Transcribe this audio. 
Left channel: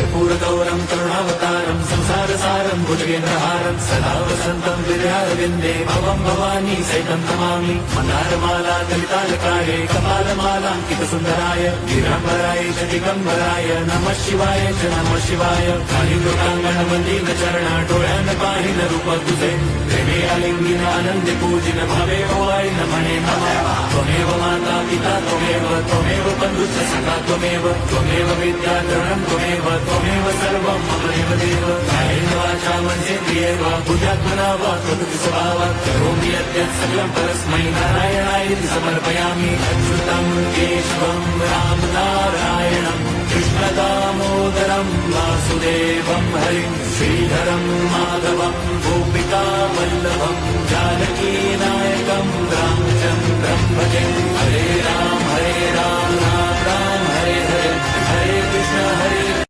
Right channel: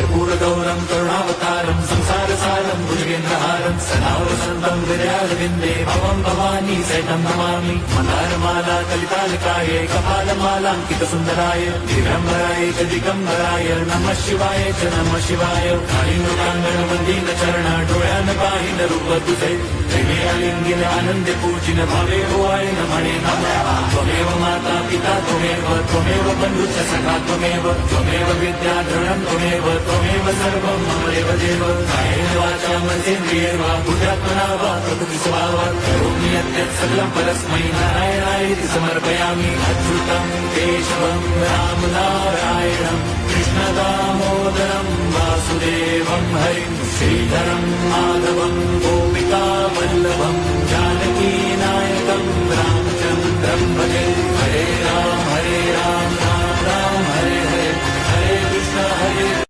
कर्पूरगौरं करुणावतारं संसारसारं भुजगेन्द्रहारं सदा वसन्तं हृदयारविन्दे भवं भवानी सहितं नमामि। मन्दारमाला कलितालकाय कपालमालाङ्कितसुन्दराय दिगम्बराय च दिगम्बराय नमः शिवाय च नमः शिवाय। कालिङ्गोटाङ्गणमन्दिरचरण डोळ्यान पाहिन रूप तुझे प्रेमे आलिंगिन आनंदी पूजिन भावे ओवाळीन म्हणे नमः। त्वमेव माता पिता त्वमेव बन्धुश्च सखा त्वमेव विद्या द्रविणं त्वमेव सर्वं मम देवदेव। कायेन वाचा मनसेन्द्रियैर्व बुद्ध्यात्मना वा कृतं स्वभावात् करोमि यद्यत् सकलं परस्मै नारायणायेति समर्पयामि। अच्युतं केशवं राम नारायणं कृष्णदामोदरं वासुदेवं हरिं श्रीधरं माधवं गोपिका वल्लभं जानकीनायकं रामचन्द्रं भजे। हरे राम राम राम हरे हरे हरे कृष्ण हरे